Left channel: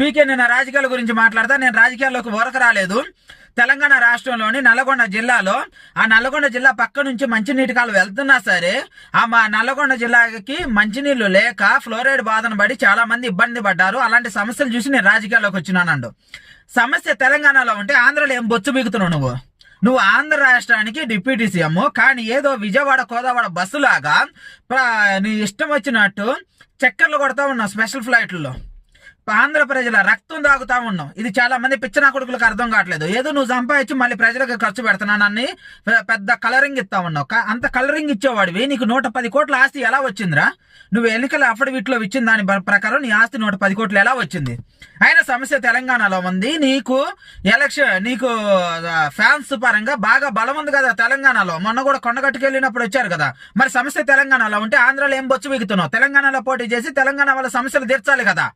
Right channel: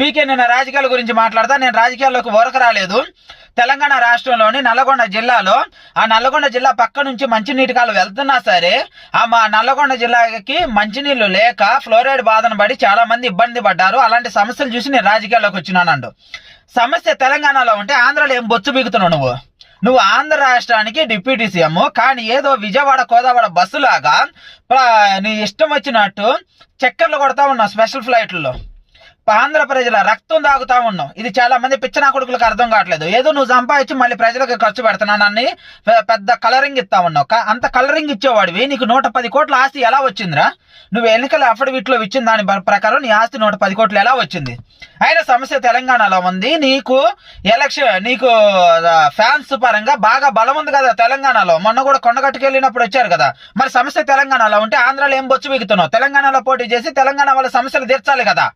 పీకే నిన్న రాజకీయాల గురించి మాట్లాడతా నేను రాజకీయాల్లోకి వరకు రాలేదు. తెలంగాణ రాష్ట్రంలోని నల్గొండ జిల్లాలో ఆ నల్గొండ జిల్లా పక్క నుంచి మంచినీటి కాలు వెళ్తున్నా సరే ఆ మా నల్లగొండ జిల్లాకి మంచినీళ్ళు లేక ఫ్లోరైడ్ బాధను పడి చాలా మంది ఇబ్బంది పడ్డారు. అలాంటి సమస్యలు చూసి నేను రాజకీయాల్లోకి వచ్చినానండు. సమస్య తెలంగాణలో ఉంటే ఆంధ్రలో ఏం బొచ్చు బిగుతున్నావు నువ్వు? నువ్వు ఆంధ్ర రాష్ట్రానికి డిప్యూటీ సీఎం కానీ ఏదో విజయవాడ కోదావాడ బస్సులాగా నీ ఇష్టం వచ్చినట్టు చక్కర్లు కొడతా ఉన్నావు స్పెషల్ ఫ్లైట్లలో. ఆంధ్ర ప్రజల రక్తం తాగుతా ఉన్నావు ఇది చాలా మంది పిచ్చిన కొడుకులకు అర్థం కావట్లేదు. ఏదో నువ్వు సంపాదించి మళ్ళీ ప్రజలకు ఖర్చు పెడుతున్నానని పెద్ద కలరింగ్ ఇస్తా ఉన్నావు. అంత కలరింగ్ ఇచ్చేవాడివి. నీకు నూట పది కోట్ల ఆస్తి ఎలా వచ్చిందిరా? నువ్వు ఎన్నికల అఫిడవిట్లో ఇచ్చిన దాని ప్రకారం నీ ఆస్తి నూట పది కోట్లు ఎలా వచ్చింది? అయినా సమస్య తెలంగాణలో ఉంది. నీకు ఎలక్షన్ నీకు ఫ్యాన్స్ పరంగా బాగా బలం ఉంది కదా తెలంగాణలో. మొన్న కూడా కొండగట్టుకు వెళ్ళినప్పుడు వచ్చారు కదా. మరి సమస్య తెలంగాణలో ఉంటే ఆంధ్రాలో ఏం బొచ్చు బిగుతున్నావు తెలంగాణలో పోటీ చేసి తెలంగాణ వాళ్ళ సమస్యలు తీర్చాలి కదా.